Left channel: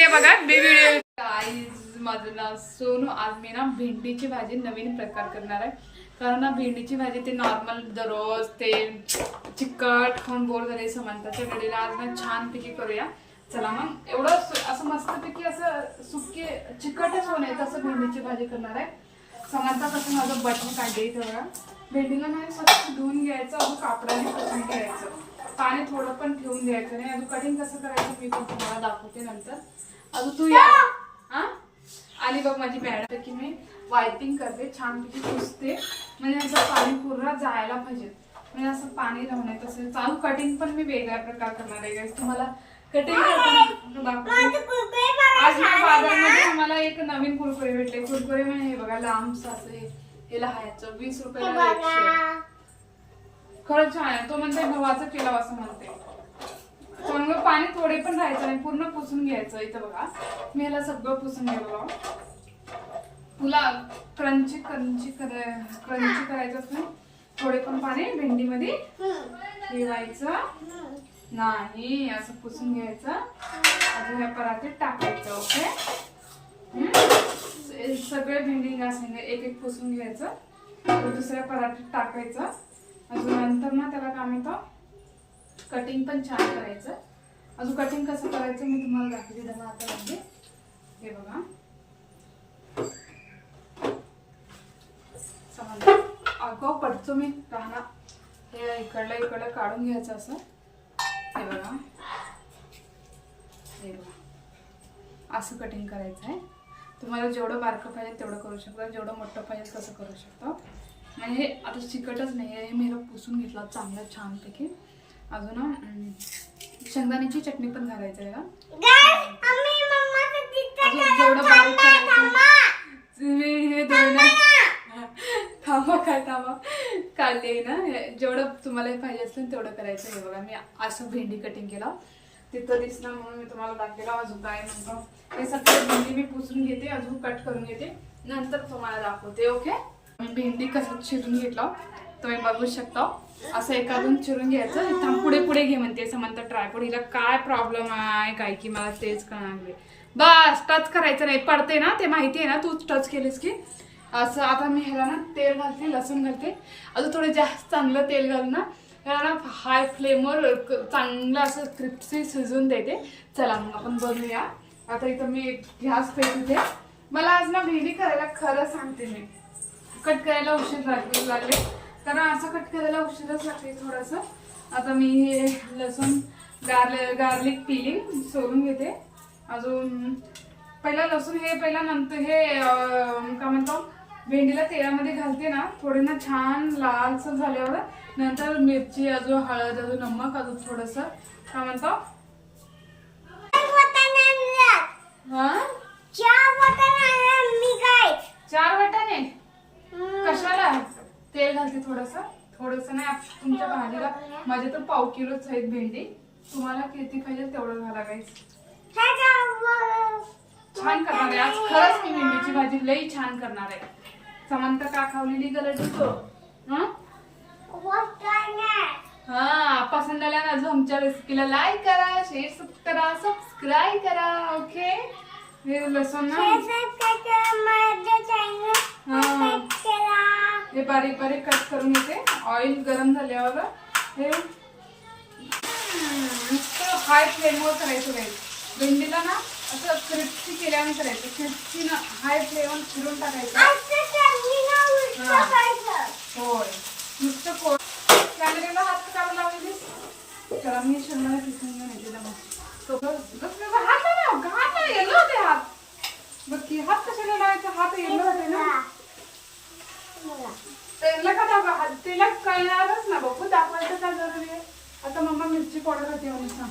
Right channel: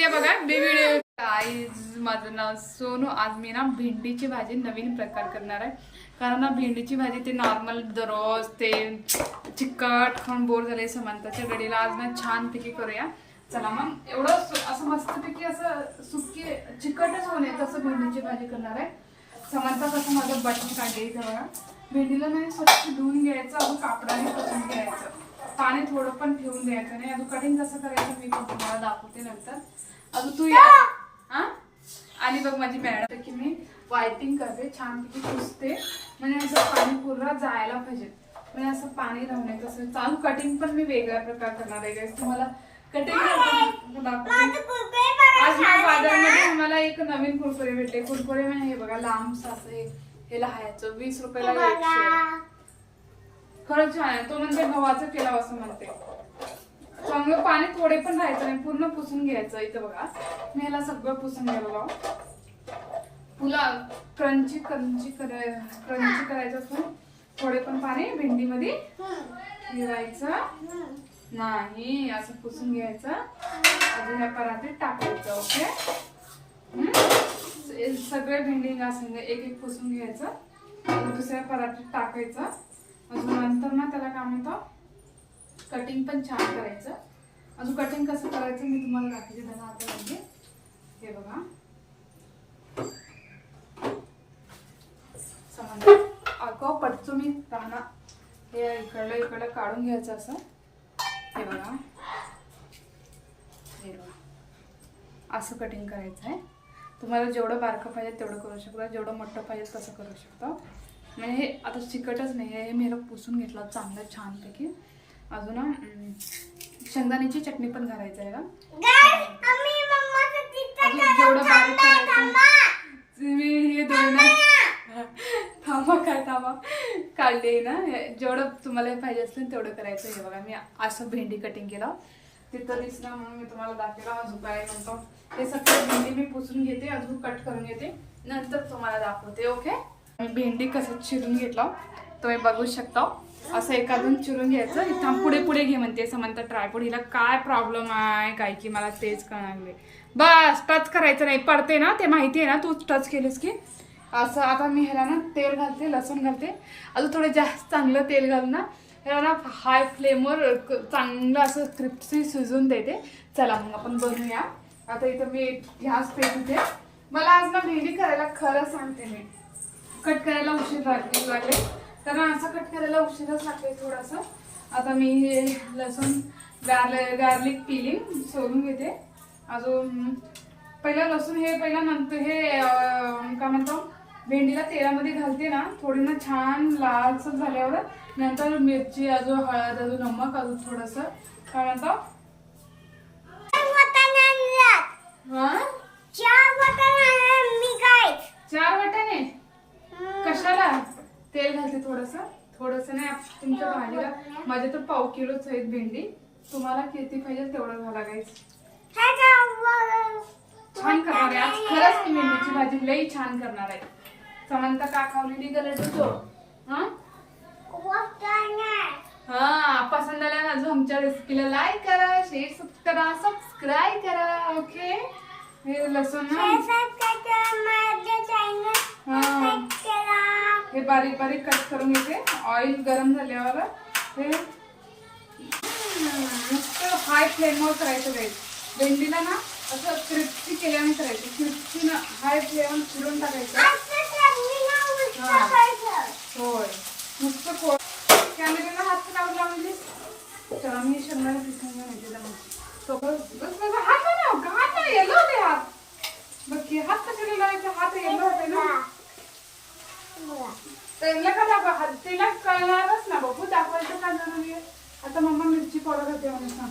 बसलेली आहे बघा व्हिडिओ. गाईज माझं नाव सोनू. आज मी ना भेंडीची भाजी नवीन प्रकार करणार आहे. कारण ना भेंडीची भाजी ते नॉर्मल दररोज ते चिकट खाऊन बोर झाले समंताच्या घडीला. आज ना छानपैकी करूया. चला मग एवढं असं मस्तपैकी असं सुके चिकटच होऊ नये तसं भेंडीची भाजी करणार आहे. समंता कसं माझं बटन काढले इथं बघा. भेंडीला नाही स्वच्छ धुवून घ्यायचं, अजून कापडाने कसून घ्यायचं, पाणी थोडं पण ठेवून द्यायचं नाही. अजून कटिंग कसं करायचं मी पण तुम्हाला दाखवते नंतर. अजून तू हा आणि बघ माझी मॅडम की मी वायपिंग करते, छानपैकी पुसते म्हणजे असं पाणी पूर्ण जायला पाहिजे. म्हणजे असं पाणी राहू नये तसं. चालू कटिंग पण मी वेगळ्या प्रकार करणार आहे. तुम्हाला कटिंग दाखवते. आज बाजारामध्ये मला एक नवीन कुरकुरे भेटले. कुरकुरे म्हणजे हे बघा लांब साचे हे लहायचं 20 रुपयाला. खरंच छान आहे. तो म्हणते गव्हाचं केलं असं म्हणते. चांगलं पाणी थोडे पण राहायचं नाही, पूर्ण पुसून घ्यायचं. इथं बघा मी ह्याला सगळं पुसून गेलो. पुला क्रंची क्रंची करायचं असं थोडे पण पाणी भेंडीमध्ये ठेवायचं नाही, असं पुसून घ्यायचं. अजून ह्या परातीत टाकायचं. ओके सगळे भेंडी असं एक एक पुसून घ्यायचं, दुसऱ्या परातीत टाकायचं. अजून नंतर ना त्याला काय म्हणतो कटिंग पण छान करायचं. अजून कटिंग कसं करायचं मी तुम्हाला दाखवते त्यांना आता. म्हणजे हे बघा अगो पडतो मी राहणार. हे इकडलं काढून घ्यायचं असं. हे बघा असं कटिंग करायचं आहे. तुम्हाला जेवढं बारकं पाहिजे तेवढं करू शकता, जेवढं मोठं पाहिजे तसं करू शकता. म्हणजे हे आता चिकटच नाही आहे. मी ह्याला पुसून घेतला चांगलं छानपैकी. अजून शेंगदाण्याची चटणी पण घालायचं आहे का. जेवढं बारीक करायचं हे दोन थांबा काय थांबा काढले ना. जेवढं तुम्हाला पाहिजे असेल तेवढं करायचं. हे बघा मी असं भेंडी कटिंग केलं तिथं दिसलं म्हणून मी तुम्हाला दाखवलं. अजून काय नंतर हे सगळं भेंडी मी पुसून घेते, अजून कट करून घेते, नंतर तुम्हाला दाखवते. ओके मी भेंडी कसं चिरून घेतला तुम्ही बघू शकता. असं एखादून चिरून घ्यायचं. इथं पुढे पुढे घे म्हणते समंता ट्रायपॉड. हिला काय प्रॉब्लेम आहे काय की मला तेच कळणार नाही. बस टच करायचं नाही, पडते ना ते माहिती आहे ना. तू टच केलीस की असं. आता मी ह्याला ना तेल घालते, लसूण घालते. अजून थोडं जास्त चांगलं तेल घाल ना. ह्याला ना हाय फ्लेमवर चांगलं असं क्रिस्पी शिजून देते. चला मग आपण बनवूया. आता इथं मी गॅस पेटवते. मला आज ना भेंडी करायला खरं सांगते मी कट करायला उशीर लागले कारण असं कट करायला उशीरच लागते थोडंसं. आता मी हे लसूण गार्लिक पिलिंग सोलून घेते. अजून पहिला लसूण हे पहिला नंतर हे काय म्हणतो भेंडीला तेलामध्ये घालते ना. थोडी ना छान लालसर झाल्यावर नंतर मिरची, अजून हळद, अजून नमक, अजून थोडंसं काय म्हणतो चार वाटाणे. कशाला तेल घालते थोडंसं नाही. तुमच्या भाजीला माझ्या तर 1/2 किलोच आहेत भेंडी. तुम्हाला किती पाहिजे तेवढं घाला गाईस. छान करणार आहे आज खरंच मी भेंडीची भाजी लई छान करणार आहे. समंता का खावलेली गलट तो हा पसंत आला ना. अजून आमच्या रेसिपीला लाईक करा, शेअर करा, सबस्क्राईब करा. ओके हे लसूण ना हे बारीक बारीक कट करून घेते. ऑइल गरम झाल्यावर हे हाय फ्लेमवर करायचं नाही. भेंडीला ना असं क्रिस्पी केल्याने करायचं. क्रिस्पी ना हाय फ्लेमवर चिरून टाकायचं. होय नुसतं कोण कॅमेऱ्याला हात काढून लावलेलीस. चला मी शेंगदाणे पिसून घेऊन येते हात येलो होते हात. बघ की हात कशाला लावायचा. हात येलो होते ना. तेला का दाखवा तिला कळणारच ना बघू दाखवायचं ना जरुरी. आता मम्मा मिरची पावडर होते म्हणून सांग.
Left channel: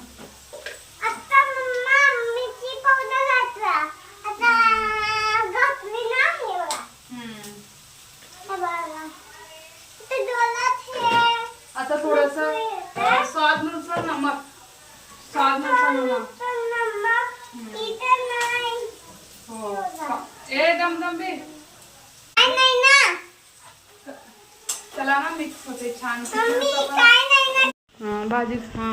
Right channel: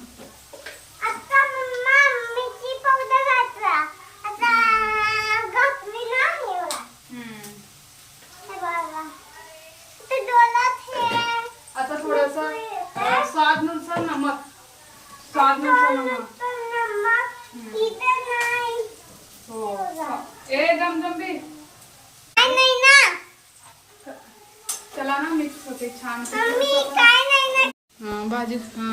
आता थोडंसं स्वादनुसार नमक. हो ए दमदंबी चला ना मिक्स होते छान. भाजी हा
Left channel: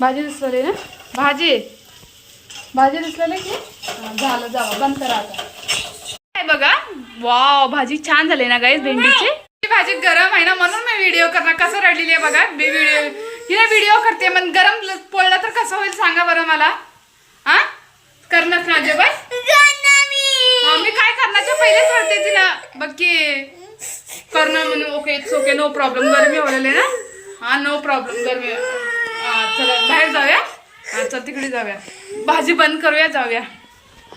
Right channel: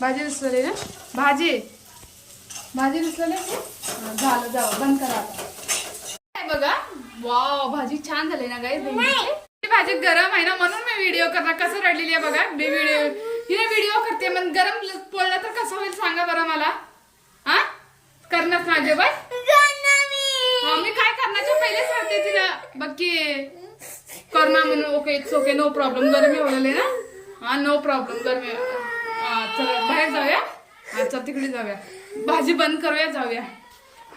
भाजी सॉरी ना भाजी भाजी दिसलेलं की झालं, जावं बंद करा आता. काय बघा, वाव भाजी छान झाली ना गाईस भेंडीची. भाजी गरम आहे ना म्हणून मी व्हिडिओ करणार. कसं रडलेली आहे बघा मी व्हिडिओ करते. मग गरम पोळला तर कसं होईल सांगा बरं मला. हा करणार ना अजिबात. मी काय करण्याच्या पहिलेच रडते तिला बघ की करणार म्हणून. Okay it's okay, no problem. गरमी होलेली ना. हा नो प्रॉब्लेम, गरमी. चला बाहेर जाऊया. हा चल तिकडे जाऊया, भाजी बंद करूया, जाऊया.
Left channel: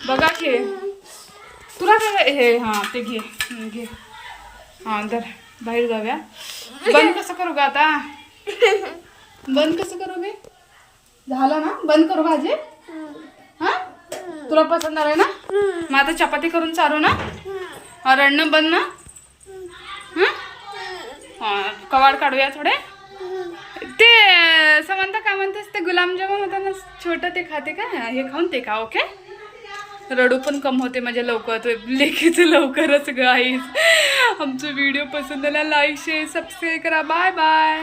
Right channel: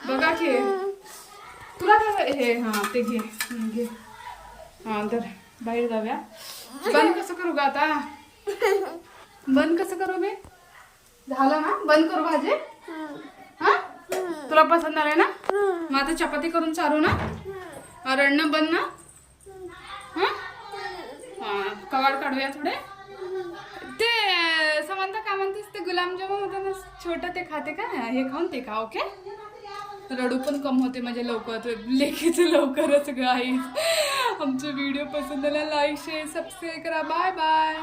बघा की तुला काय हे, हा ते घे घे. हा तर बाहेर जाऊया. बंद कसं करू का आता, बंद कसं करू मी. झालं ना बंद करू भाजी. हा तुला पसंत आलंय ना. मग आता चपाती करून चालू ना. रडणं बंद ना. हा कवाड काढूया थोडे. ते समंता का म्हणतेस ते गुलाबजामुन होता ना छोटं, ते खाते का. हे खाऊन ते खा. ओके रडू पण कम होते म्हणजे लवकर. लेखीचं लवकरच गाईस. आमचा व्हिडिओ पसंत आला लाईक शेअर सबस्क्राईब करा. Bye bye.